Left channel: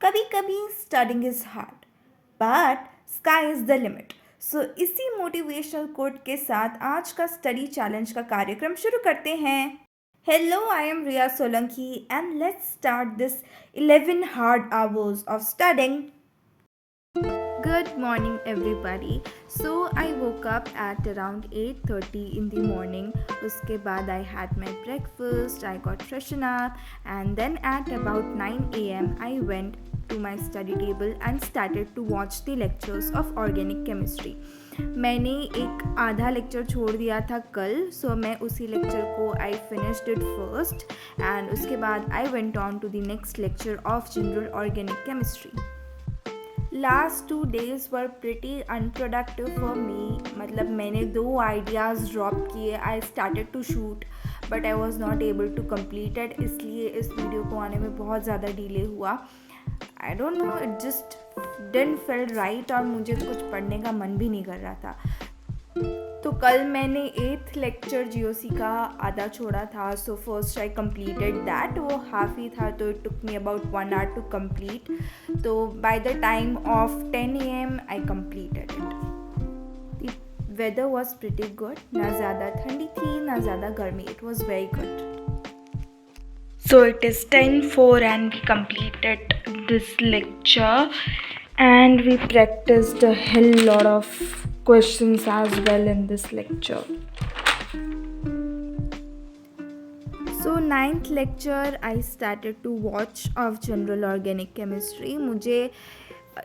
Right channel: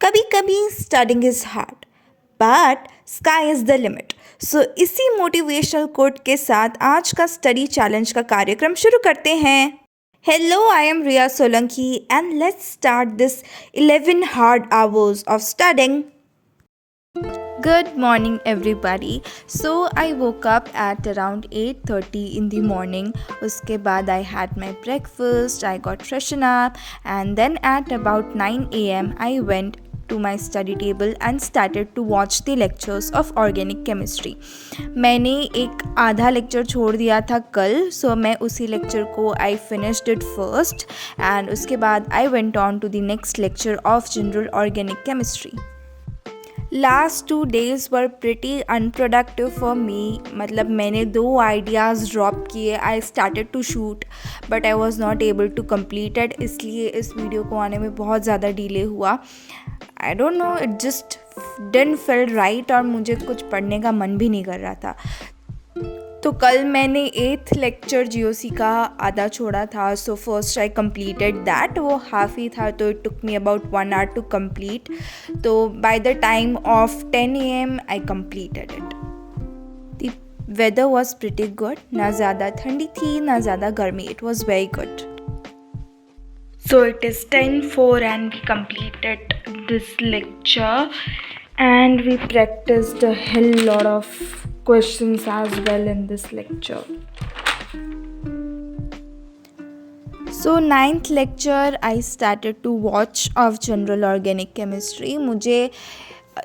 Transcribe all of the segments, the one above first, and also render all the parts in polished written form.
कभी कभी studying is hard but sky is the limit. So इसी मोटिवेशनल कोट के साथ आज का स्टडी चैलेंज का कार्यक्रम शुरू करते हैं। Hello, I am Riya Solanki and let's start this 11 hard hours of studying. Good morning, everybody. So I woke up at around 8:30 in the morning. उसके बाद I had my breakfast, I got freshen up, and then at about 9 a.m. I went to my study table and started to watch the lectures of organic chemistry. मैंने एक आधा lecture छोड़ दिया था कल, सो मैं उसी लेक्चर को I finished it first, and उसके बाद I went on to the next lecture of general organic chemistry. Last 2 days were pretty unproductive for me. मतलब मैंने 2 आइडियाज़ ड्रॉप किए। I started to shoot but I was not able to complete it, इसलिए इस video को आने में बहुत ज़्यादा डिले हुआ। I don't know, it just didn't feel right और मुझे कुछ पढ़ने का मन भी नहीं कर रहा था। तो कल मैंने 8th लेक्चर जीओसी का आधा छोड़ा था, so first I completed that. वो हाफ ही था तो it took me about 1 hour to complete. तो by the time of 10 AM I completed it. The weather was pretty good, ना ज़्यादा ठंडी थी ना ज़्यादा गर्मी, it was very good. So it is 10:04 and we completed this lecture and we practiced a hell lot of questions as well in this lecture. So 9th lecture I started to watch of general organic chemistry. मुझे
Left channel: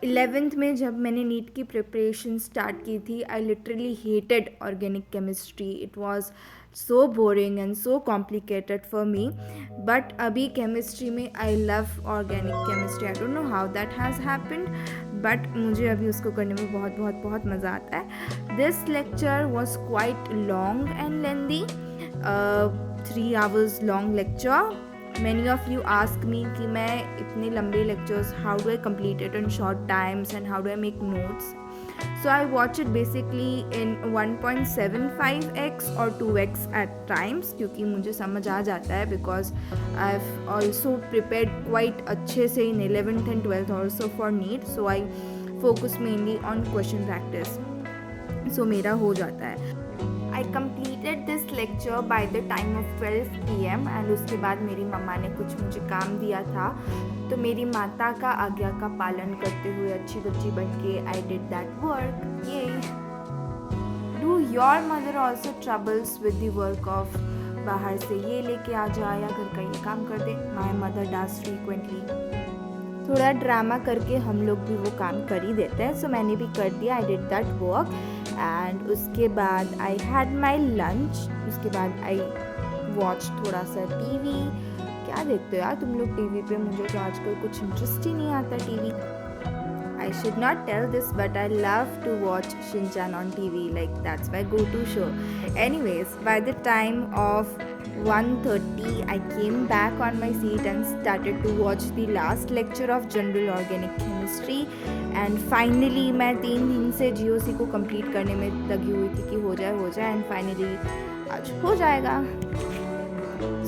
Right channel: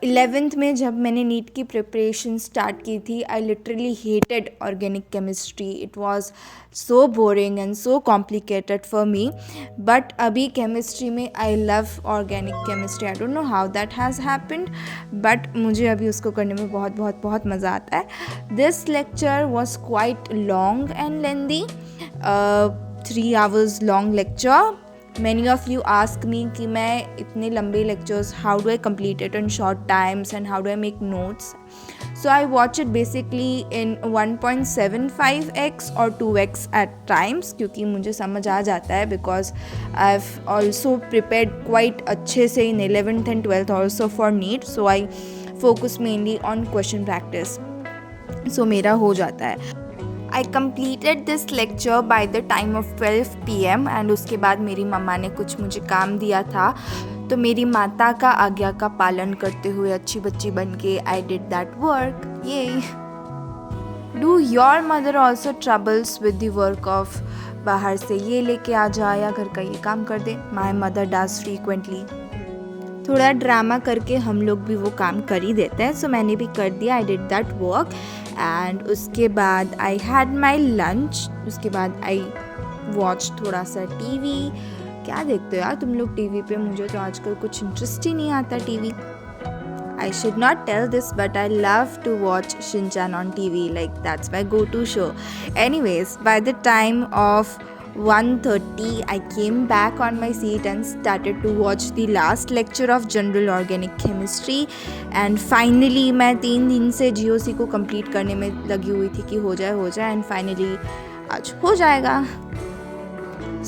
11th में जब मैंने NEET की preparation start की थी, I literally hated organic chemistry. It was so boring and so complicated for me, but अभी chemistry में I love organic chemistry. I don't know how that has happened, but मुझे अभी उसको करने में बहुत बहुत बहुत मज़ा आता है। This lecture was quite long and lengthy, 3 hours long lecture. Many of you ask me कि मैं इतने लंबे lectures how do I complete it in short times and how do I make notes. So I watch it basically in 1.75x or 2x at times, क्योंकि मुझे समझ आ जाता है because I've also prepared quite अच्छे से in 11th and 12th also for NEET, so I focus mainly on question practice, so मेरा हो जाता है। I completed this lecture by the time of 12 PM and उसके बाद मेरी मम्मा ने कुछ मुझे काम दिया था, तो मेरी माता का आज्ञा का पालन करते हुए अच्छी बच्ची बन के I did that work. Yay! Do your mother also troubles with the work of बाहर से ये लेके आ जा या घर का ये काम कर दे? My mother does frequently. थोड़ा ड्रामा करके हम लोग भी वो काम कर ही देते हैं, सो मैंने भी कर दिया। आई डिड दैट वर्क एंड उसके बाद आई हैड माई लंच। उसके बाद आई वॉच थोड़ा सा टीवी। क्या देखते हो यार तुम लोग टीवी पे? मुझे तो आजकल कुछ इंटरेस्ट ही नहीं आता TV. I should not tell this, but I love to watch Shinchan on TV. Like that's my go-to show. Anyways, by the time of 1:30, I came back on my seat and started to watch the last lecture of General Organic Chemistry. And finally, मैं 3 दिन से GOC को complete करने में लगी हुई थी कि हो जाए and finally आज हो जाएगा।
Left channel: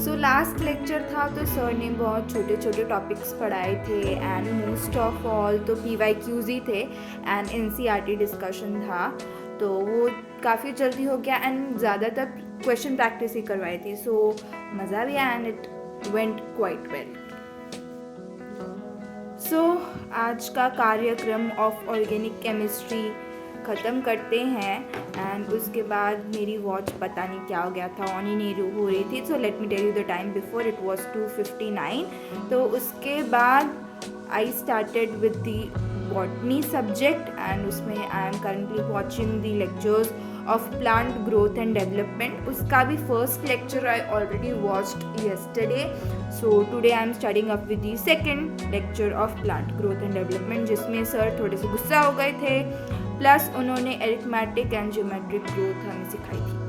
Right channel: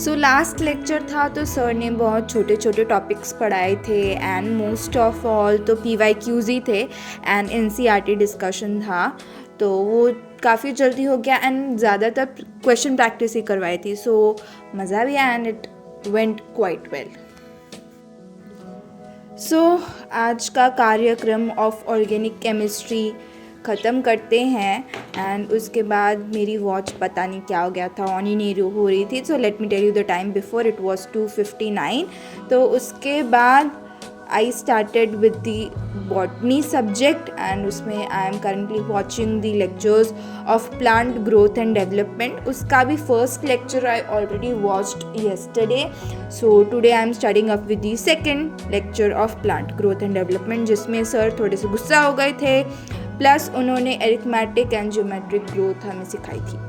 सो लास्ट लेक्चर था तो सर ने बहुत छोटे छोटे टॉपिक्स पढ़ाए थे एंड मोस्ट ऑफ ऑल तो PYQs ही थे एंड NCERT डिस्कशन था, तो वो काफ़ी जल्दी हो गया एंड ज़्यादातर क्वेश्चन प्रैक्टिस ही करवाई थी, सो मज़ा भी आया and it went quite well. So आज का कार्यक्रम ऑफ ऑर्गेनिक केमिस्ट्री ख़त्म करते हैं एंड उसके बाद मेरी वॉच पता नहीं क्या हो गया था, ऑन ही नहीं हो रही थी। So let me tell you the time before, it was 2:59। तो उसके बाद I started with the botany subject and उसमें I am currently watching the lectures of plant growth and development. उसका भी first lecture I already watched yesterday, so today I am starting up with the second lecture of plant growth and development, जिसमें sir थोड़े से गुस्सा हो गए थे, plus उन्होंने एरिथमेटिक एंड ज्योमेट्रिक ग्रोथ हमें सिखाई थी।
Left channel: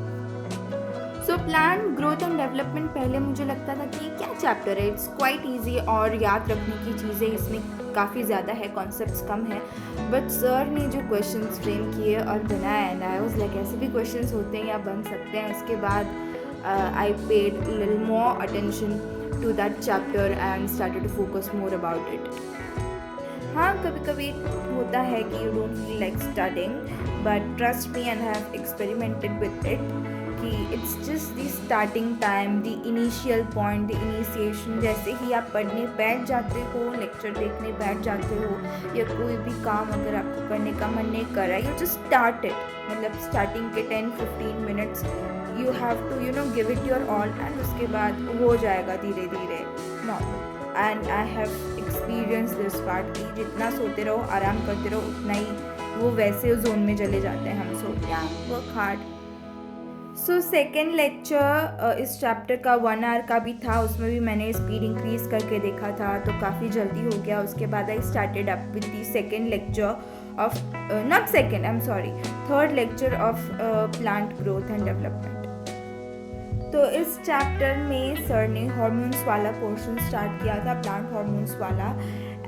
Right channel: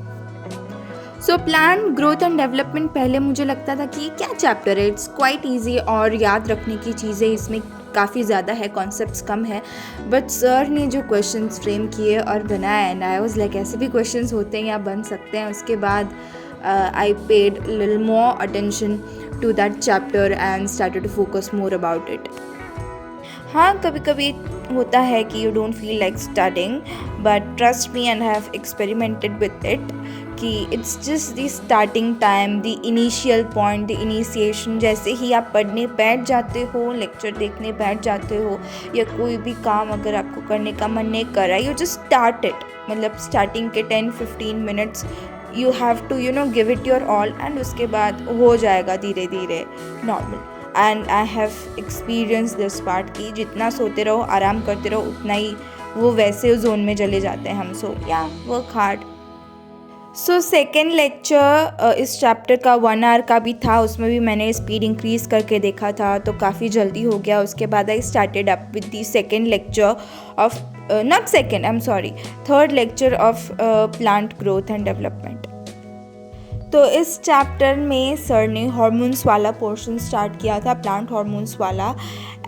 सो प्लांट ग्रोथ एंड डेवलपमेंट पहले मुझे लगता था कि क्या चैप्टर है, इट्स क्वाइट ईजी और याद रखने की चीज़ें इसमें काफ़ी ज़्यादा है, कॉन्सेप्ट्स कम है, बट सर ने जो क्वेश्चंस फ्रेम किए और बनाए एंड आई वाज लाइक ऐसे भी क्वेश्चंस होते हैं या बन सकते हैं। उसके बाद I paid little more attention to that chapter and started to focus more about it. हाँ, कभी कभी होता है कि you don't feel like studying, but trust me and have experimented with it कि it's just the starting time, the initial point, the initiation. जैसे ही आप पढ़ने बैठ जाते हो, लेक्चर देखने बैठ जाते हो, या कोई भी काम अगर आपको करने का मन नहीं कर रहा है, यू जस्ट स्टार्ट इट। मतलब स्टार्टिंग के 10-15 minutes you have to give it your all, and उसके बाद हो जाएगा धीरे धीरे normal. And I have experience this part की जितना सोते रहो, आराम करते रहो, उतना ही वो वैसे जोन में चले जाते हैं हम। सो या work hard. So second lecture इस चैप्टर का 1 आवर का भी था, उसमें भी मैंने स्पीड इंक्रीज करके देखा था तो काफ़ी जल्दी हो गया। उसके बाद I started up with the second lecture of third lecture of plant growth and development. तो इस चैप्टर में सर ने हार्मोन्स वाला पोर्शन स्टार्ट किया था, प्लांट हार्मोन्स वाला,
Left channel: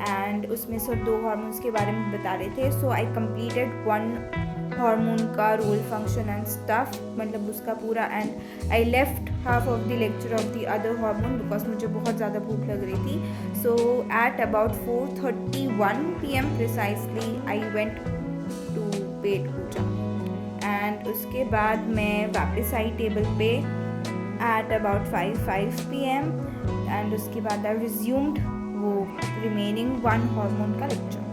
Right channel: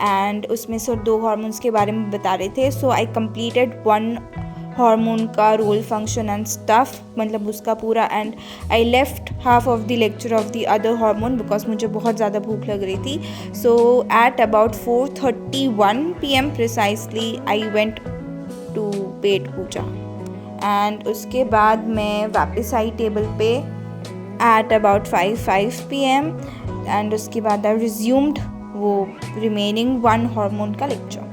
एंड उसमें सर 2 हार्मोन्स के बारे में बता रहे थे। सो आई कंप्लीटेड 1 हार्मोन का रोल फंक्शन एंड स्टफ, मतलब उसका पूरा, and I left half of the lecture of the other hormone because मुझे बहुत ज़्यादा भूख लग रही थी। So at about 4:31 PM precisely I went to pet puja, and उसके बाद मैं वापस आई टेबल पे एट अबाउट 5 PM, एंड उसके बाद आई रिज्यूम्ड वो रिमेनिंग 1 हार्मोन का lecture.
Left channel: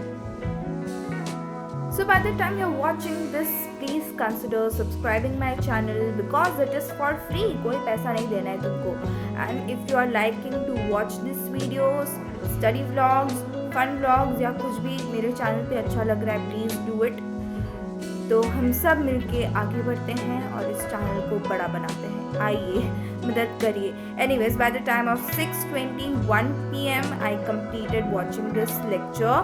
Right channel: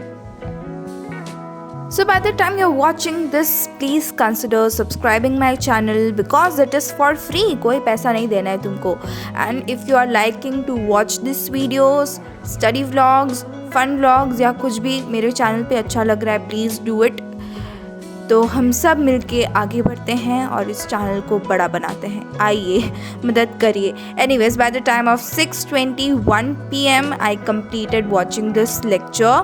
So by the time you're watching this, please consider subscribing my channel because it is for free. कोई पैसा नहीं देना है तुमको। And if you are liking to watch these videos, study vlogs, fun vlogs या कुछ भी मेरे चैनल पे अच्छा लग रहा है, please do it. तो हम सब मिलके आगे बढ़ते हैं और इस चैनल को बड़ा बनाते हैं। आइए मदद करिए। Anyways, by the time of 6:21 PM, I completed watching this lecture.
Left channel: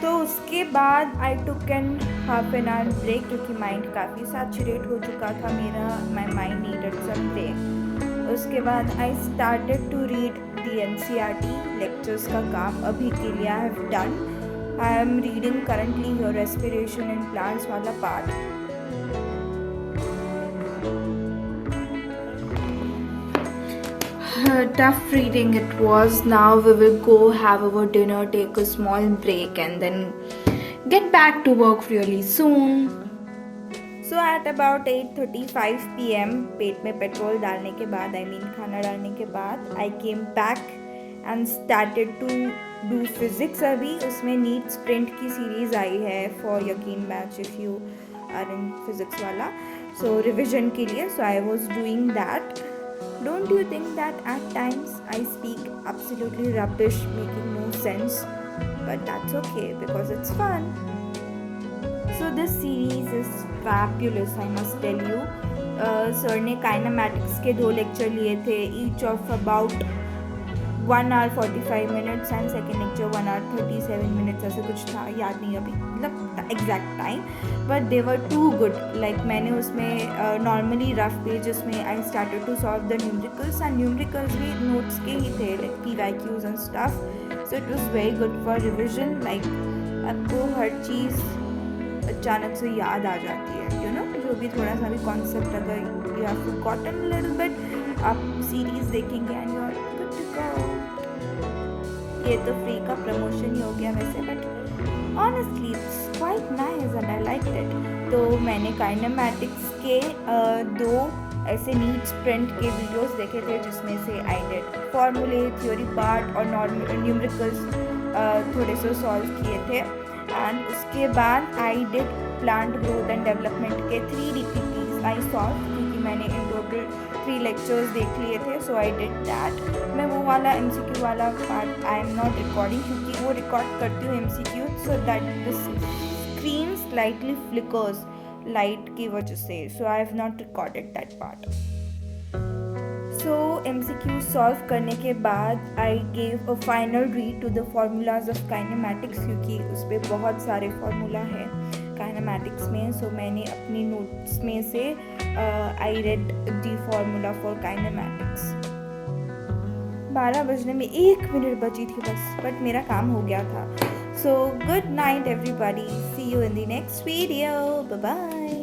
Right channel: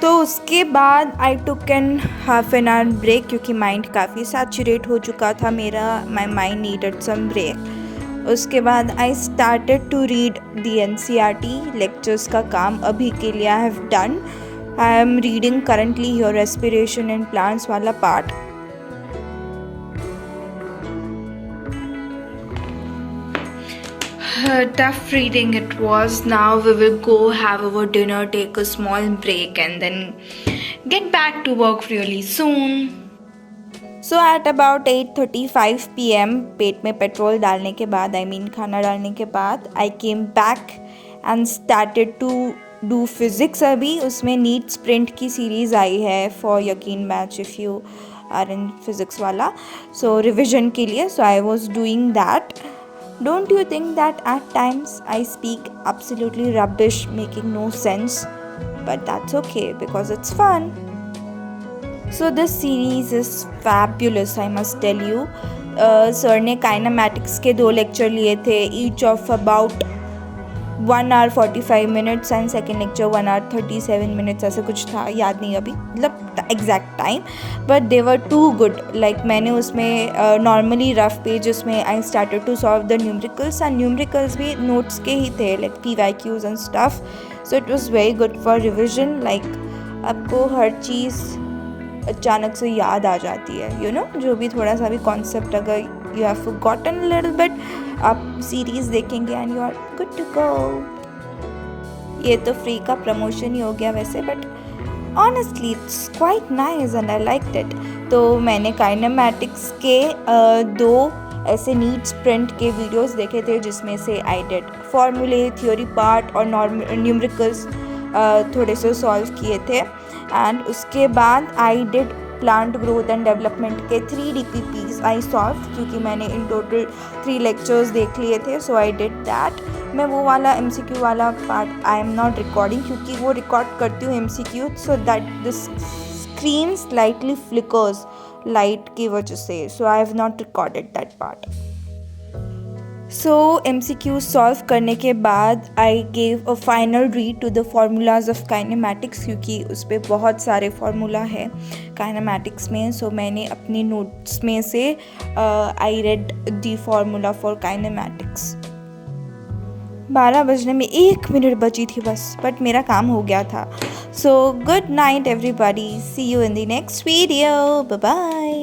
तो उसके बाद I took an half an hour break क्योंकि माइंड काफ़ी सैचुरेट हो चुका था मेरा, my mind needed some break. उसके बाद I started to read the NCERT lectures का काम अभी के लिए I have done. I am reading currently your respiration and plants वाला part. Tough reading it was. Now we will go have our dinner, take a small break, and then get back to work really soon. So at about 8:35 PM, पेट में petrol डालने के बाद, खाना डालने के बाद, I came back and started to do physics। अभी उसमें नीट स्प्रिंट की सीरीज़ आई है for यकीन batch if you are in physics वाला, so revision के लिए। So I was doing that. Don't you think that at times I speak absolutely rubbish, making no sense? But that's okay because it's fun. So this series is fabulous, I must tell you. Sir ने kinematics के 2 lecture लिए थे, each of about 1 hour 45 minutes and second lecture 1 hour 37 minutes, ऐसे कुछ था, याद नहीं अभी मतलब exact time, but they were too good. Like मैंने उसमें नॉर्मली रफ पेज उसमें I started to solve the numericals, and numericals भी नोट्स के ही थे, like PYQs and stuff. So it was very good for revision. Like आपको हर चीज़ अचानक से याद आ जाती है, जो भी थोड़ा सा भी कॉन्सेप्ट अगर you have forgotten little bit, आप सीरीज़ देखेंगे and you are good to go. ये तो फ्री का प्रमोशन ही हो गया वैसे, but honestly it's quite nice and I liked it. तो मैंने काइनेमैटिक्स के 2 ऐसे नीट स्प्रिंट के वीडियोस देखे थे जिसमें से आई डिड फॉर्मूले, थ्योरी पार्ट और न्यूमेरिकल्स थोड़े से सॉल्व किए थे। एंड उसके बाद I did plant growth and development के 3 DPPs आई सॉल्व, क्योंकि मैंने इन टोटल 3 लेक्चर्स देख लिए थे। So I did that. मैं वो वाला MCQ वाला part I am not recording, क्योंकि वो रिकॉर्ड करती हूँ MCQ so that the screen slightly flickers light की वजह से। So I have not recorded that part. So MCQ solve करने के बाद I gave a final read to the formulas of kinematics, क्योंकि उस पर बहुत सारे फार्मूला है काइनेमैटिक्स में। सो मैंने अपनी नोट्स में से I read the formula for kinematics. 12 बजने में 1 मिनट बची थी बस, बट मेरा काम हो गया था। So good night everybody, see you in the next video, bye bye.